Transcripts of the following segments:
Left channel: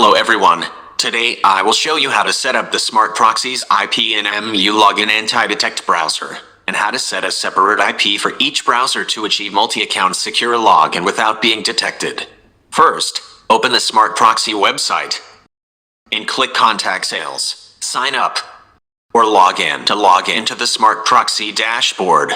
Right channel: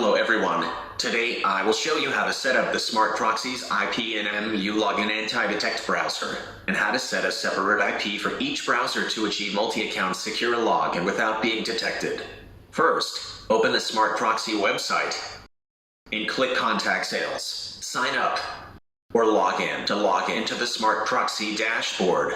Hello everyone. Today I will show you how to set up the Smartproxy's IP in MuLogin Anti-detect Browser, and how to set a separate IP for each browser to achieve multi-account secure login without being detected. First, open the Smartproxy website and click Contact Sales, Sign Up, or Log In to log into the Smartproxy dashboard.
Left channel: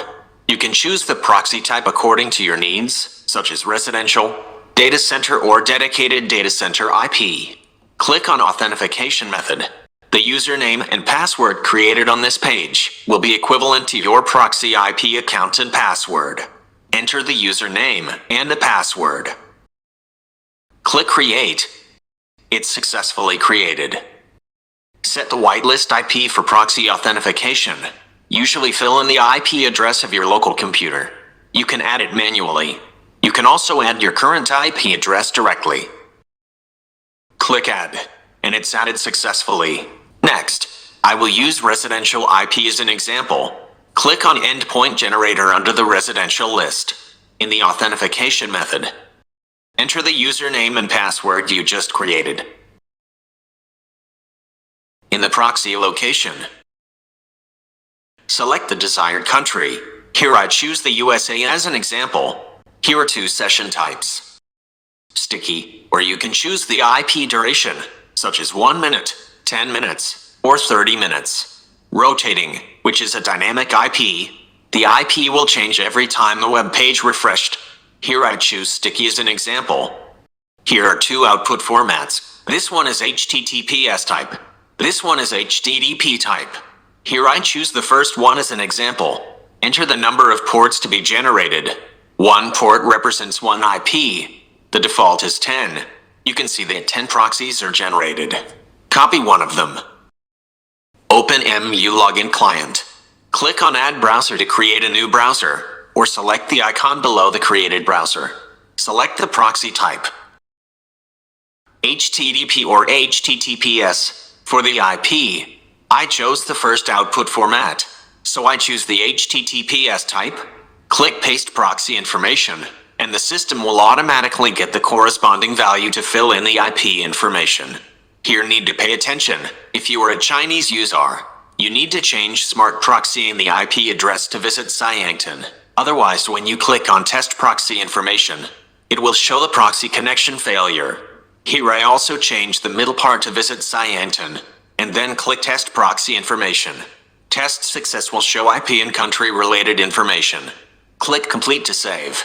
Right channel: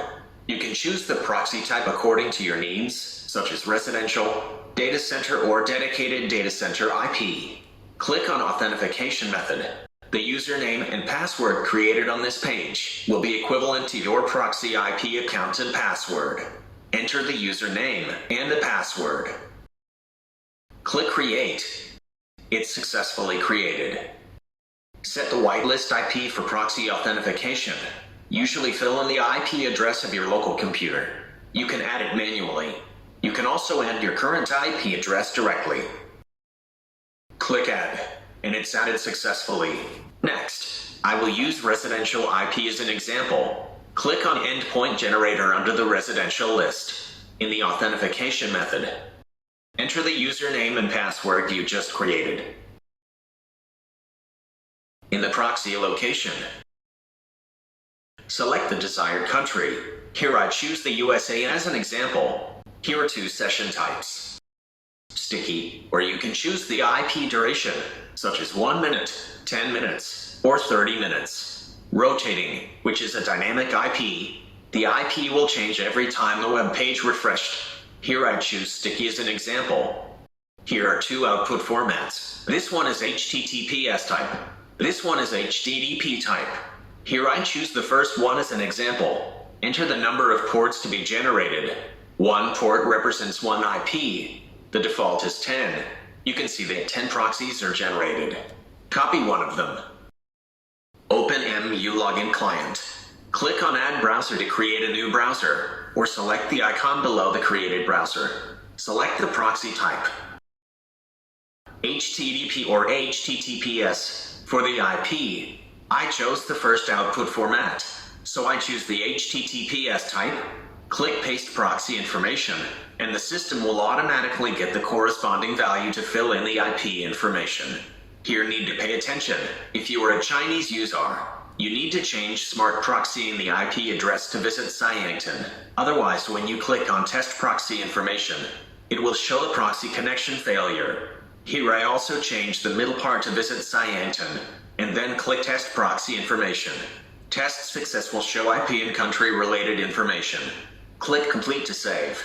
You can choose the proxy type according to your needs, such as residential, data center, or dedicated data center IP. Click on Authentication Method. The username and password created on this page will be equivalent to your proxy IP account and password. Enter the username and the password. Click Create. It's successfully created. Set the whitelist IP for proxy authentication. Usually fill in the IP address of your local computer. You can add it manually. You can also add your current IP address directly. Click Add, and it's added successfully. Next, I will use residential IP as an example. Click on Endpoint Generator under the residential list. In the authentication method, enter the username and password you just created. In the proxy location, select the desired country. Here I choose the USA as an example. Here are two session types. Sticky, where you can choose the IP duration, such as 1 minute, 10 minutes, or 30 minutes. Rotating, which is a dynamic IP. The IP will change every time the web page refreshed. Here I choose Sticky as an example. Here are two output formats. This one is HTTPS type. This one is HTTP type. Here I choose the first one as an example. Enter the number of ports to be generated. One port represents one IP. The default is 10. You can see that 10 proxies are generated. Copy one of them. Open MuLogin Client. Click on Add Browser to create a new browser, or select the icon below the created browser. Select the proxy type, HTTP or HTTPS. For the IP, I chose the first output format, so I choose the HTTPS type. Click Paste Proxy Information, and the system will automatically get the corresponding value to fill in the IP information. Here need to pay attention. If you are a Chinese user, you need to change Smartproxy in the IP address to visit Skype. Otherwise, when you click on Test Proxy Information, it will show the proxy connection failure. Here I also change the middle part to visit Skype, and then click Test Proxy Information. Test success will show IP and country related information. Click Complete to save.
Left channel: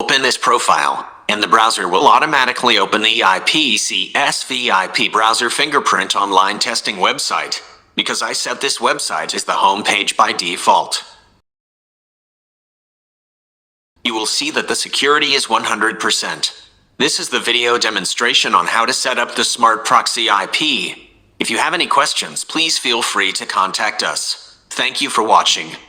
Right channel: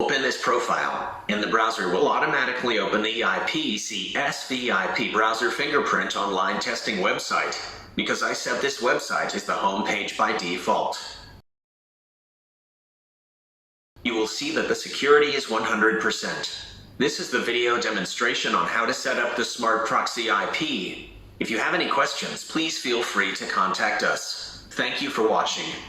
Open this profile, and the browser will automatically open the CSV IP browser fingerprint online testing website, because I set this website as the home page by default. You will see that the security is 100%. This is the video demonstration on how to set up the Smartproxy IP. If you have any questions, please feel free to contact us. Thank you for watching.